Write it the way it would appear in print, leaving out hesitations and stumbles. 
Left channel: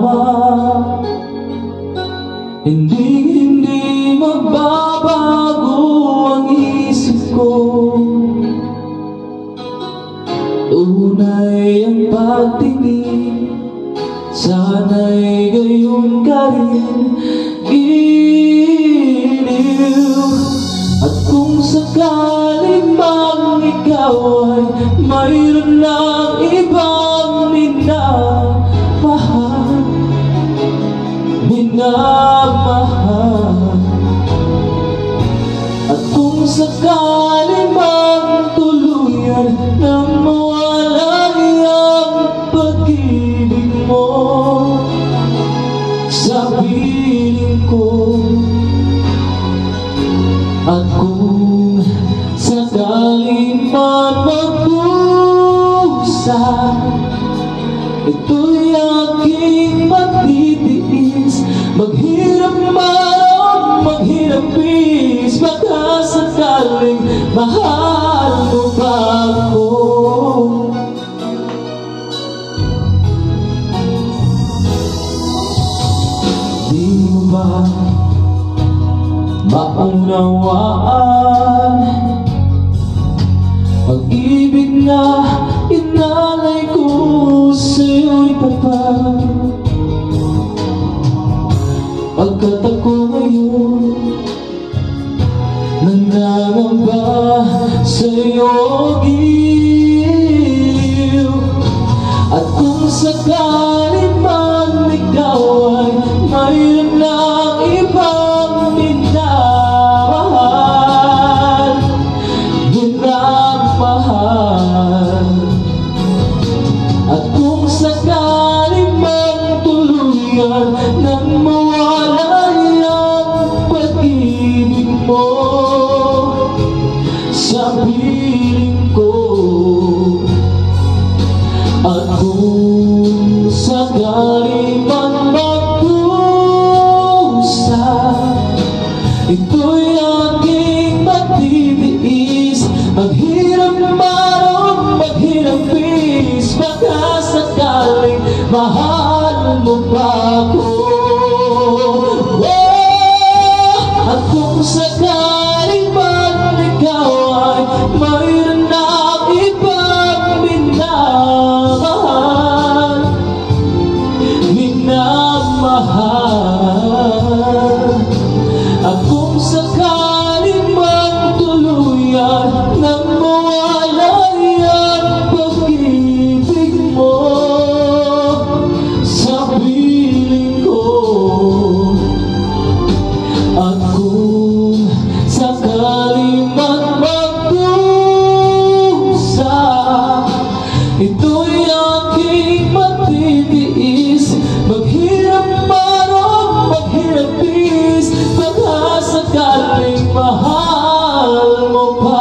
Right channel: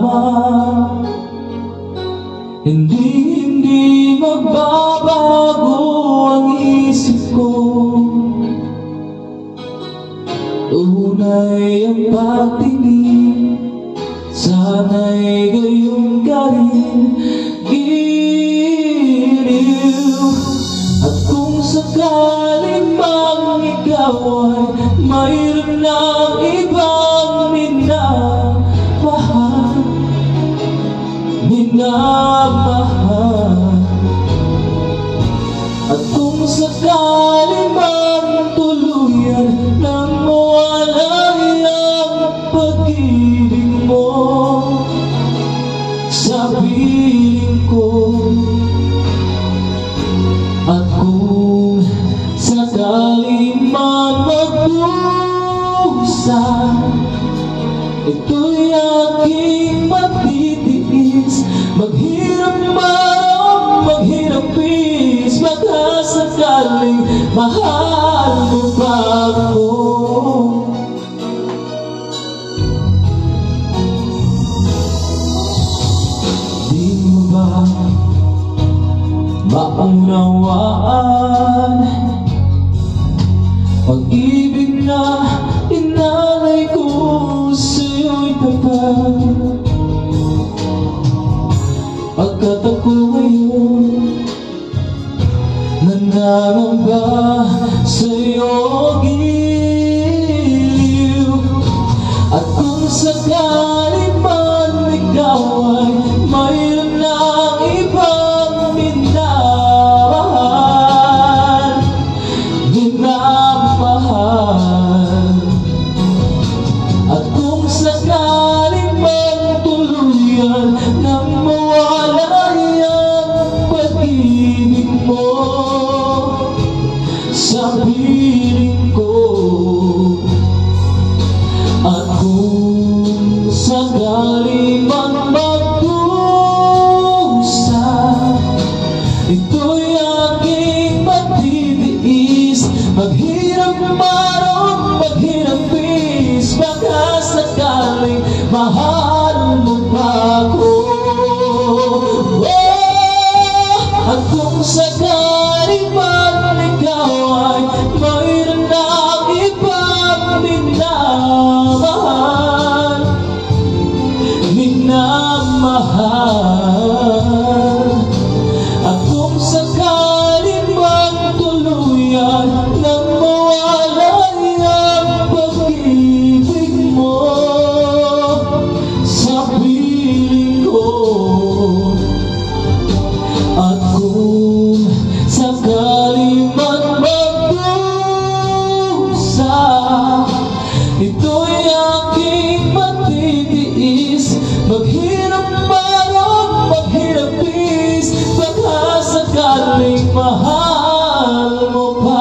lamang. Hindi magbabago ang isip ko. Tunay ang pagtingin, sana'y gayon ka rin giliw. At kung sakaling man ikaw ay mayroon ng ibang minamahal, at kung sakaling man tuluyan nang mawala ang pag-ibig mo sa piling ko, at kung sakaling man magpusa, ito'y aking matitiis. Maghirap man, maghirap is, baka sakaling mahal mo pa ako. Di mo ba maunawaan ang ibig na inalay ko sa'yo'y tapat? Pagkat ako ngayon nangangamba sa'yo giliw. At kung sakaling man ikaw ay mayroon ng ibang minamahal, at kung sakaling man tuluyan ng mawala ang pag-ibig mo sa piling ko, at kung sakaling man magpusa, ito'y aking matitiis. Maghirap man o maghirap is, baka sakaling mahal mo pa ako. At kung sakaling man ikaw ay mayroon ng ibang minamahal, at kung sakaling man tuluyan nang mawala ang pag-ibig mo sa piling ko, at kung sakaling man magpusa, ito'y aking matitiis. Maghirap man o maghirap is, baka sakaling mahal mo pa